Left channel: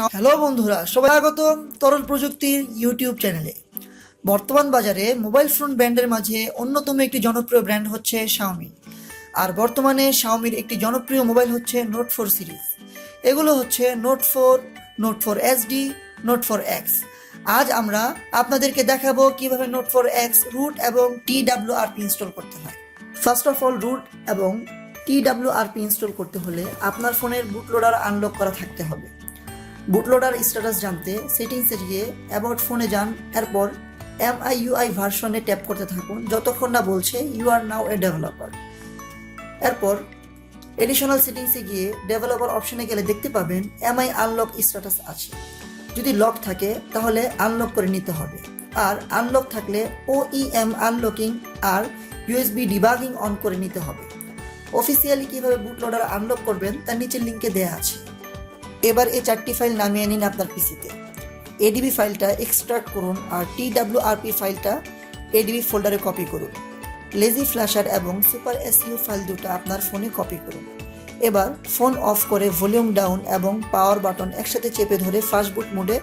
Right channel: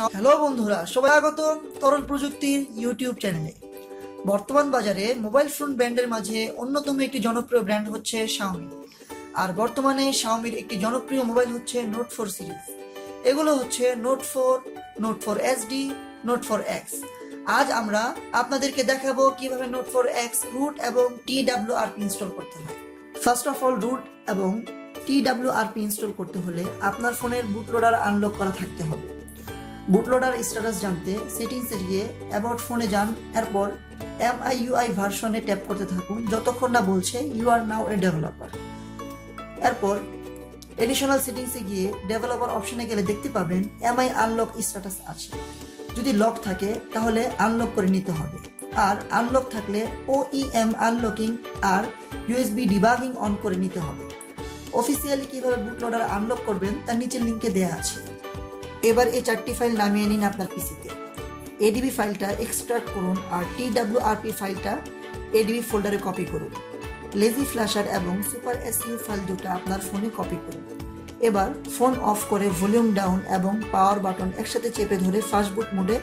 Hello বন্ধুরা, সবাই স্বাগত তরল প্রযুক্তির ইউটিউব চ্যানেলে। বর্তমান বাজারে মোবাইল ফোন ব্র্যান্ডের মাঝে অন্যতম একটি জনপ্রিয় ব্র্যান্ড হচ্ছে শাওমি। আর বর্তমানে শাওমির একটি জনপ্রিয় মোবাইল হচ্ছে নোট 4 সিরিজ। এগুলো হচ্ছে note 4, note 4 SD, note 4 x. আজ আমরা আপনাদেরকে দেখাবো কিভাবে নোট 4 এক্স রুট এবং TWRP ইনস্টল করতে হয়। ফার্স্ট অফ অল, রুট এবং TWRP ইনস্টল করতে হলে আপনার ফোনের বুটলোডার আনলক করা থাকতে হবে। বুটলোডার স্ট্যাটাস জানতে সেটিংসে গিয়ে অ্যাবাউট ফোনে যান, এরপর MIUI ভার্সনে ট্যাপ করতে থাকুন যতক্ষণ না বলছে you are now a developer. এরপর এডিশনাল সেটিংসে গিয়ে ডেভেলপার অপশনে গেলে দেখতে পাবেন MI আনলক স্ট্যাটাস আছে। যদি লক থাকে তাহলে আনলক করে নিতে হবে, আর আনলক থাকলে OEM আনলকিং আর USB ডিবাগিং অন করে নিতে হবে। অফিসিয়ালি কিভাবে বুটলোডার আনলক করবেন তার নিচের লিঙ্কে দেওয়া আছে। এবার এই 4টি ফাইল নামিয়ে নিন আপনার পিসিতে। ADB ফাইলটা এক্সট্রাক্ট করুন আর TWRP ফাইলটা ADB ফোল্ডারে কপি করুন। লেজি ফ্ল্যাশার এবং সুপার SU ফাইল দুটো আপনার ফোনে কপি করুন। এবার ফোন অফ করে ভলিউম ডাউন এবং পাওয়ার বাটন একসাথে চেপে ধরে ফাস্ট বুট মোডে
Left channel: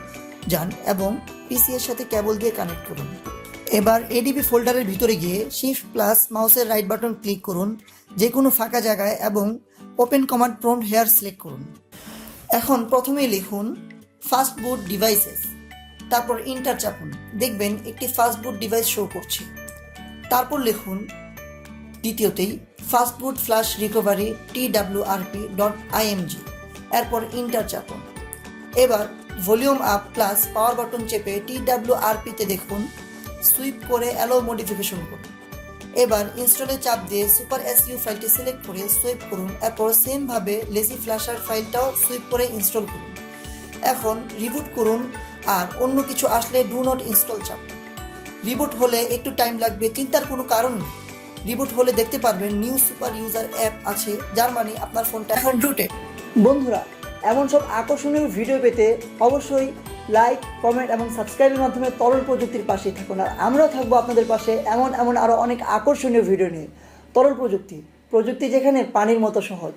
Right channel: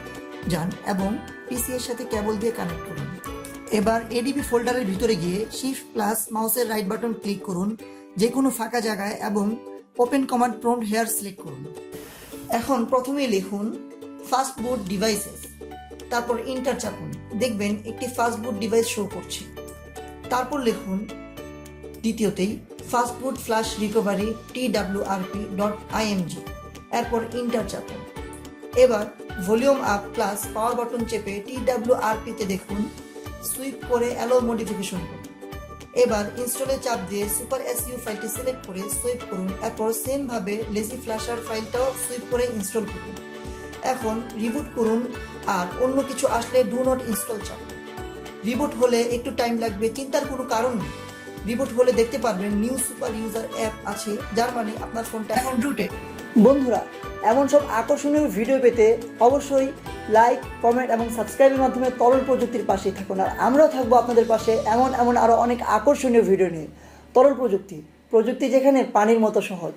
যান এবং পিসি এর সাথে কেবল দিয়ে কানেক্ট করুন। এবার ADB ফোল্ডারের ভিতরে গিয়ে শিফট প্লাস মাউসের রাইট বাটন ক্লিক করুন যে কোনো ফাঁকা জায়গায় এবং open command prompt here select করুন। এখন প্রথমেই লিখুন ফাস্ট বুট ডিভাইসেস, তারপর ইন্টার চাপুন। দেখবেন একটি ফাস্ট বুট ডিভাইস শো করছে। তারপর লিখুন দ্বিতীয়তেই fastboot flash recovery TWRP.img, এরপর ইন্টার চাপুন। এবার volume up plus power button চেপে TWRP-তে দেখুন সুইপ করে অ্যালো মডিফিকেশন করুন। এবার ইনস্টলে চাপ দিয়ে সুপার SU ফাইলটি সিলেক্ট করে সুইপ করুন। এরপর সেম ভাবে লেজি ফ্ল্যাশার ফাইলটাও সুইপ করে ইনস্টল করুন। এখন রিবুট করুন আর অন্য কিছু আসলে ডু নট ইনস্টল চাপুন। রিবুট হলে একটু টাইম লাগবে, চিন্তার কোনো কারণ নেই। রিবুট হলে দেখতে পারবেন নিউ সুপার ইউজার অ্যাপ আছে, যার মানে আপনার ফোনটা এখন রুটেড। বন্ধুরা, এমন সব আকর্ষণীয় ভিডিও পেতে অবশ্যই লাইক, কমেন্ট এবং সাবস্ক্রাইবের মাধ্যমে তরল প্রযুক্তির পাশেই থাকুন। আর আমরাও থাকবো আপনাদের পাশে এমন আরও অনেক আকর্ষণীয় ভিডিও নিয়ে। তরল প্রযুক্তি যেখানে পানির মতো সহজ।